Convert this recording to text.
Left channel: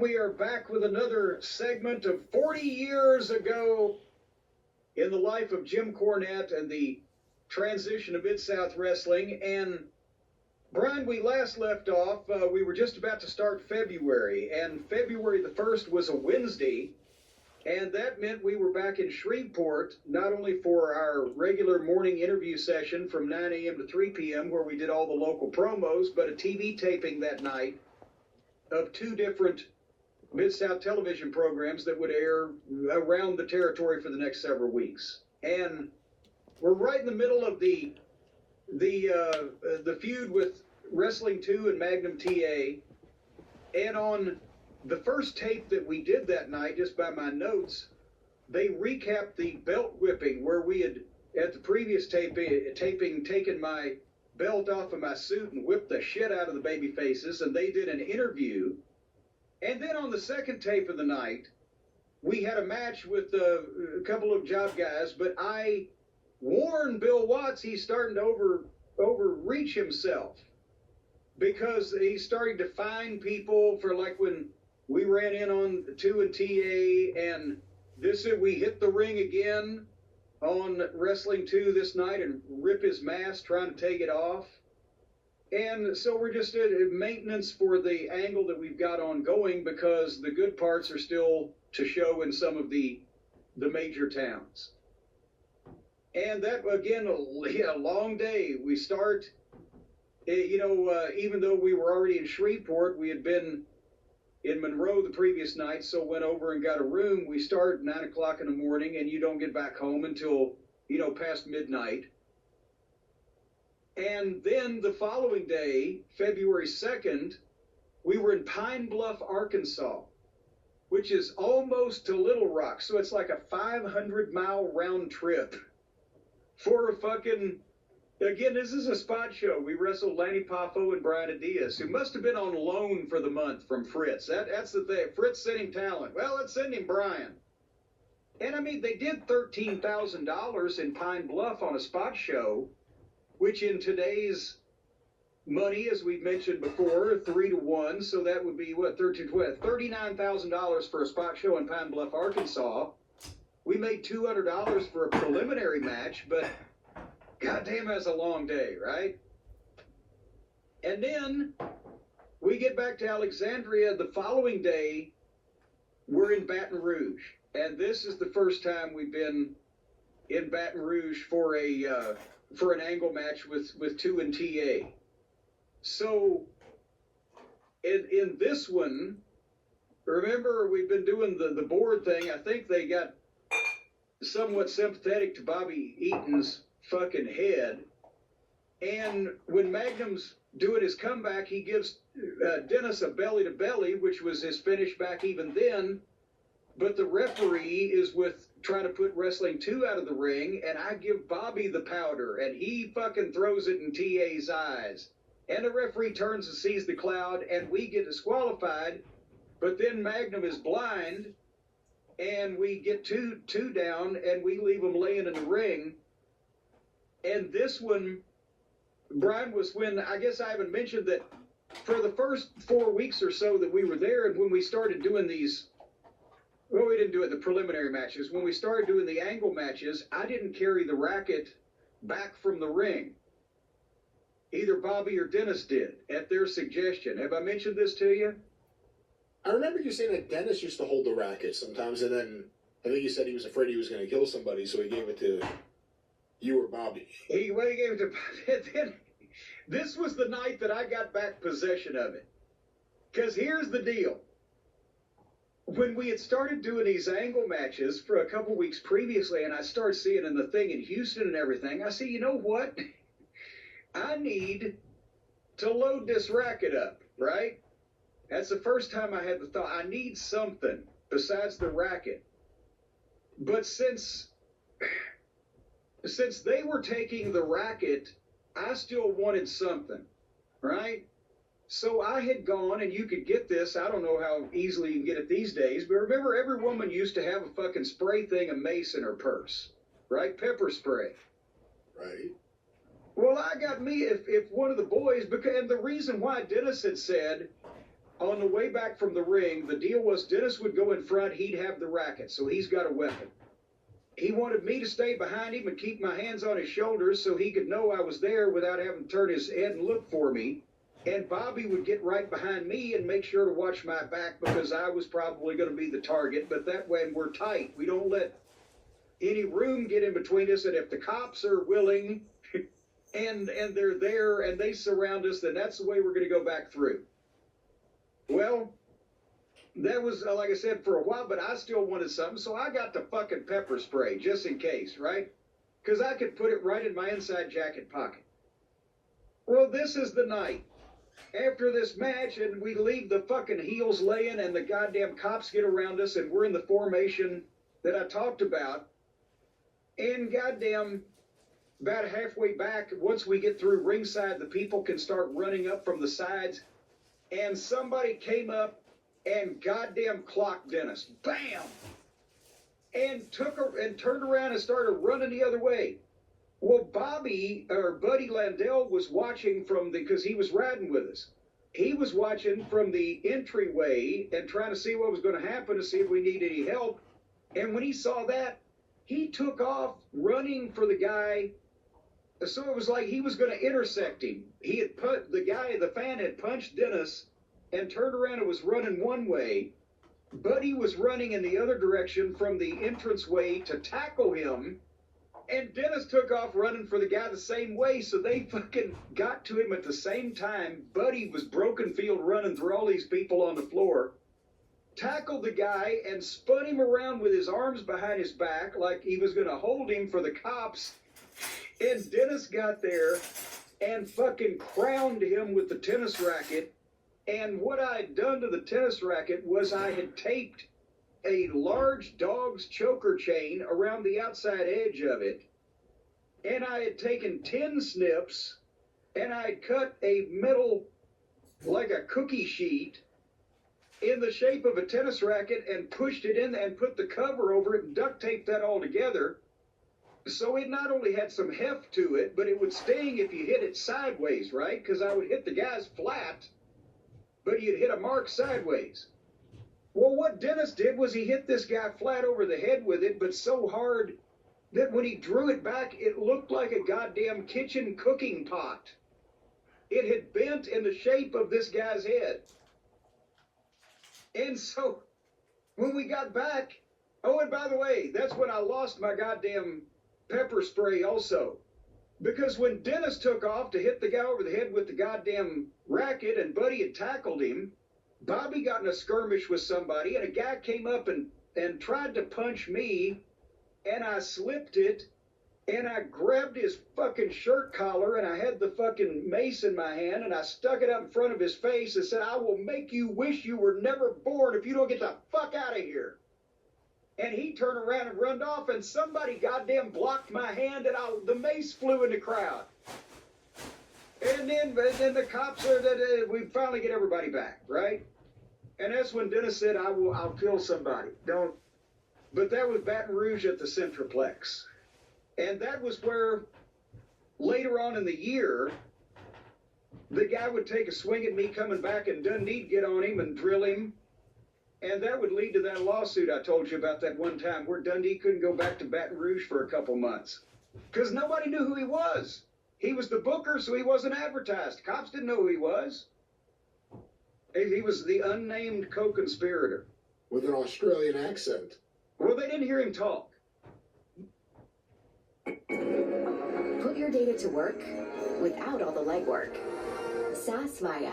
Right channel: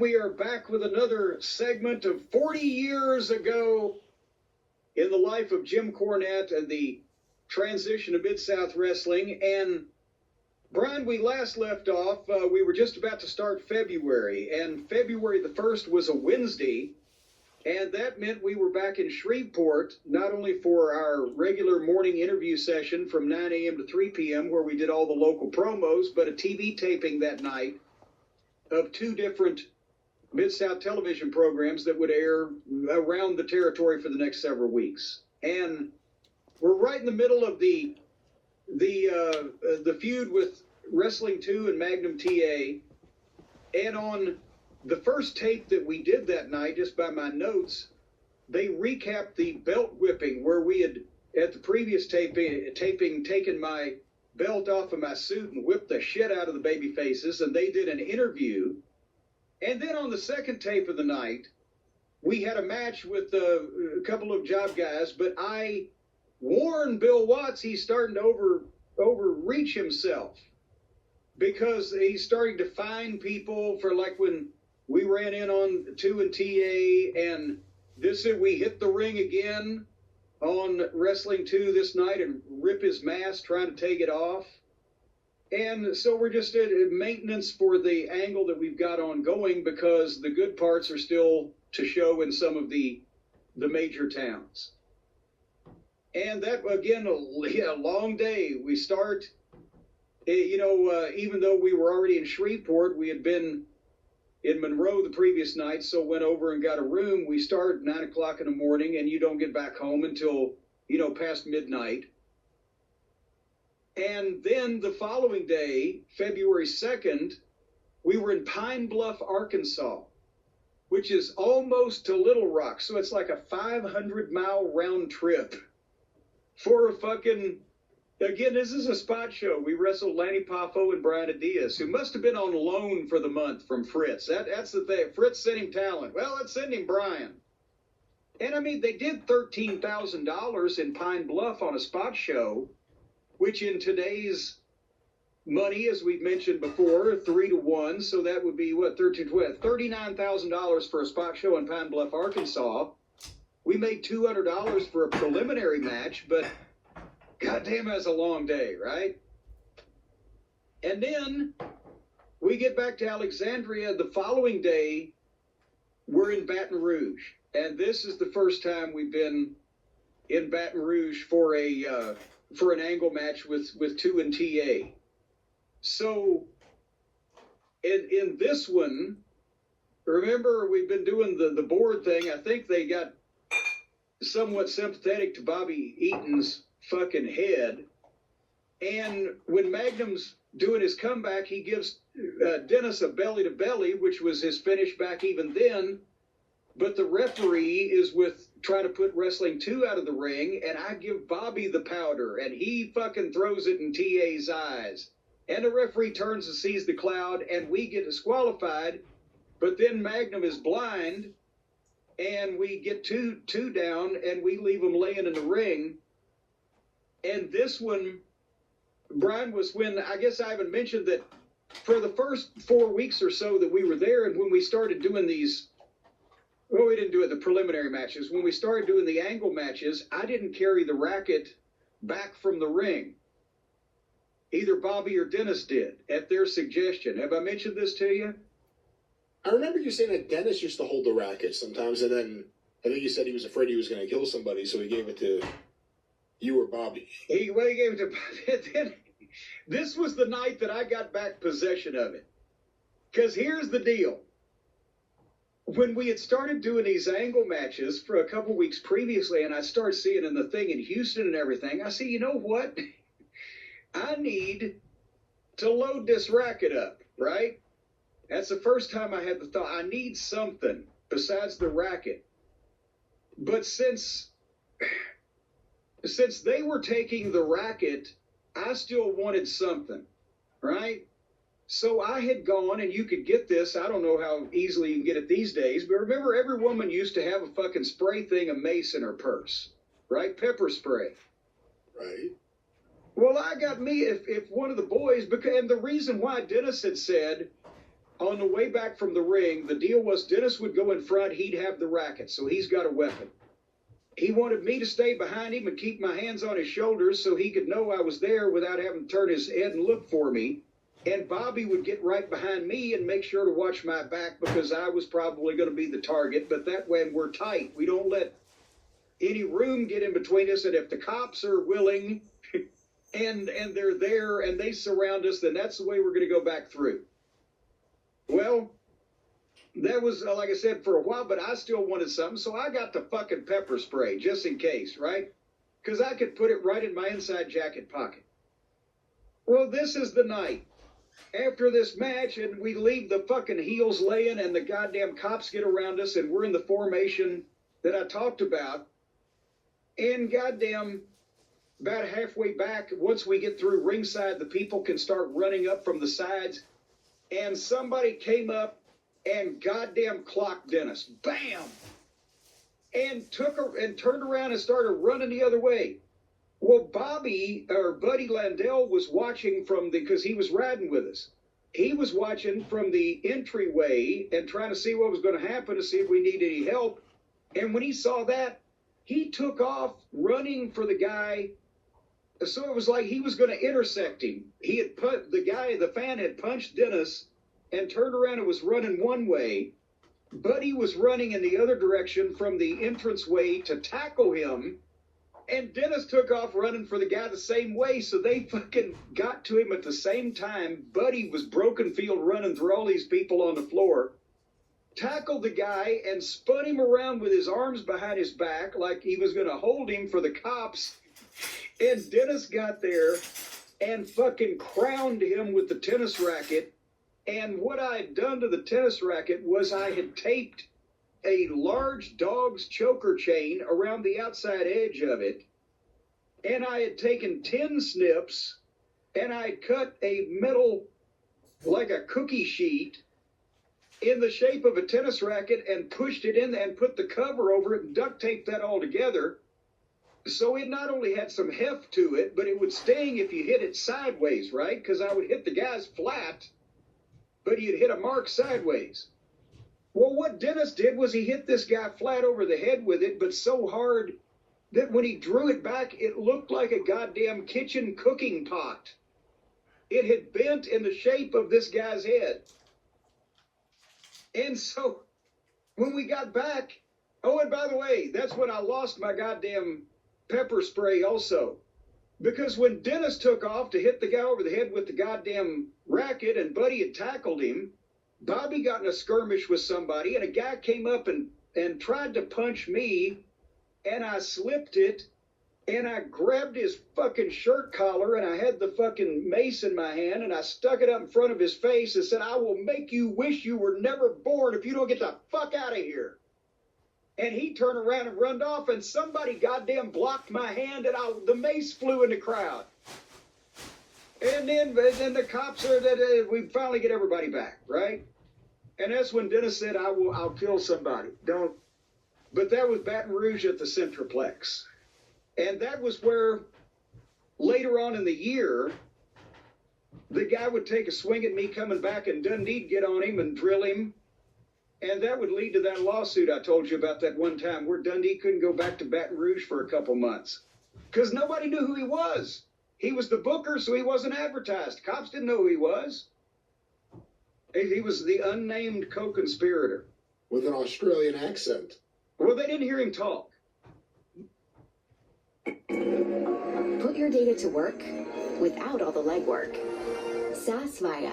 We are back with another segment of 40 years ago in the life of Jim Cornette and the transition of Mid-South Wrestling. And Brian, we last left off, we were just about to start February, and February the 1st was a Wednesday, and that meant we were back in Shreveport, not only for our regular morning interview session from 9 a.m. to 3 p.m., where we did all the local promos, but a TV taping that night of two different Mid-South television programs that would air around the territory for the next several weeks. And we're right in the middle of the feud with Wrestling 2 and Magnum TA. And on the first tape that we did that night, just by my notes, they recapped the belt whipping where we had, at the previous taping, taken my belt off of my suit and whipped the shit out of the baby faces, and they did an interview. And then on the second tape of the night, we had a match with a couple of job guys, but I warned Bill Watts he's starting to overreach himself because he's starting to fine people for, like, when we ran in on 2 and TA, and we hit the ring again on Wrestling 2 this night and rip his mask trying to take it off. And so we're just at maintenance for the angle that we've got ongoing, because the good parts are still to show in some of the major towns. And that, again, a long day. We start, even though we were already in Shreveport, we had been in Monroe the previous night, so went over and got a room. We start at 9 o'clock in the morning, and you don't get back home until, past midnight. And then the following day, February 2nd, we were in Pine Bluff, Arkansas, which is almost to Little Rock. So it's like a 500-mile round trip for a fucking... Again, this is a spot show. We wrestled Lanny Poffo and Brian Diaz, who must have been on loan for the month from Fritz. That's the thing. Fritz sent him talent. Well, let's send him Brian. And, I mean, they did $13,000 in Pine Bluff on a spot show, which in today's money, as we've mentioned before, 3 to 1, so that would be, $39,000 for a spot show in Pine Bluff, Arkansas. We made $200 for a preliminary match, but goddamn, that's a long day, right? And then we get back to Alexandria the following day. We're in Baton Rouge, and this is the first time we've been in Baton Rouge for an angle match with 2 and TA. So in this one, remember, we've been doing the board thing. I think they got somewhat sympathetic to Bobby Eaton's fucking head. And when Magnum's doing his comeback, he gives Dennis a belly to belly, which was his finish back even then. But the referee is trying to put Wrestling 2 out of the ring, and I give Bobby the powder, and he fucking throws it in TA's eyes. And the referee turns and sees the cloud, and we get disqualified. But then Magnum is blind, and we get two down, and we leave him laying in the ring. And this one, Brian, was when, I guess I haven't mentioned that for the first 4 weeks or so that we were there, and when we started doing these, well, we didn't do it the preliminary matches. When we started doing the angle matches, I didn't carry the racket back from the ring. Either Bobby or Dennis did, at their suggestion. Have I mentioned this to you? I remember you saying that Dennis used to hold the racket sometimes, and then I think you said he was afraid he was going to kill somebody, so he gave it to you or Bobby. He gave it to Bobby. Then, this was the night that I got back possession of it. Because here's the deal. When we had started doing these angle matches for a couple weeks previously, and I started seeing in the thing in Houston and everything, I said, you know what? I need to load this racket up, right? That's the first time I had the thought, I need something besides the racket. But since they were taking the racket, I still wanted something, right? So I had gone, and you could get this, I don't know how easily you can get it these days, but remember, every woman used to have a fucking spray thing of mace in her purse, right? Pepper spray. Right. Well, I got me, if one of the boys, and the reason why Dennis had said, on the way back from the ring, the deal was Dennis would go in front, he'd have the racket, so he's got a weapon. He wanted me to stay behind him and keep my hands on his shoulders so he could know I was there without having to turn his head and look for me. And Bobby would get right behind me and make sure to watch my back because I was probably going to be the target. But that way we're tight. We don't let any room get in between us. And if the cops are willing and they're there and they surround us, then that's the way we're going to go back through. Well, that was, like I said, for a while, but I still wanted something. So I got the fucking pepper spray just in case, right? Because I could put it right in my inside jacket pocket. Well, this is the night. After this match, and we leave the fucking heels laying, and the goddamn cops get around us, and we're in the formation that I talked about. And goddamn, about halfway back, once we get through ringside, the people can start running up from the sides. And somebody came up and goddamn clocked Dennis. Bam! And turned around and started running the other way. Well, Buddy Landell was watching because he was riding with us. He was watching from the entryway and trying to see what was going to happen to see if we need any help. And when he saw that, he took off running for the guy. So it was like he was going to intersect him. He had the fan had punched Dennis and turned around and was running one way. Buddy was running in the other direction from the entranceway to tackle him. And Dennis took off running for the guy the same way, so they fucking got to him at the same time. Buddy was broken field running through all these people on the floor, tackled the guy, and spun him around with his arms behind his back like he was going to hold him for the cops. And Dennis got there and fucking crowned him with the tennis racket. And what I'd done to the tennis racket was I had taped a large dog's choker chain around the outside edge of it, and I had taken 10 snips, and I had cut a metal, like a cookie sheet, in the shape of a tennis racket and pushed it in and put the cover over it and duct taped that all together. So it not only had some heft to it, but it would sting if you hit it sideways, right? Because I would hit the guys flat, but you'd hit a mark sideways. Well, what Dennis did was he hit this guy flat over the head with it, but so hard that when he drew it back, it looked like a goddamn kitchen cooking pot. It had bent in the shape of this guy's head. And so when we got back, oh, and by the way, that's when I lost my goddamn pepper spray also. Because when Dennis took off to hit the guy over the head with the goddamn racket and Buddy had tackled him, Bobby got in a skirmish with somebody, and a guy came up and tried to punch me, and I slipped it, and I grabbed his fucking shirt collar, and I had the fucking mace in my hand, and I stuck it up in front of his face and said, "I will make you wish you were never born if you don't get the fuck out of here." And he turned around and run off, and somebody goddamn blocked my hand, and the mace flew in the crowd. And then the cops we finally get everybody back, right? And that's when Dennis said, I'll kill somebody. Don't. But that was Baton Rouge at the Centroplex. And that was where, later on in the year, the guy would take a swing at me coming back, and Dundee'd get on him and drill him. And that would lead to that lawsuit I told you about that one time where Dundee couldn't go back to Baton Rouge for a couple months. Because nobody knew who he was. He was the booker, so he wasn't advertised. Cops didn't know who he was. He was the unnamed co-conspirator. With an Australian accent. Well, they didn't hear him talk. Put your data to work without all the legwork. SaaS Maya.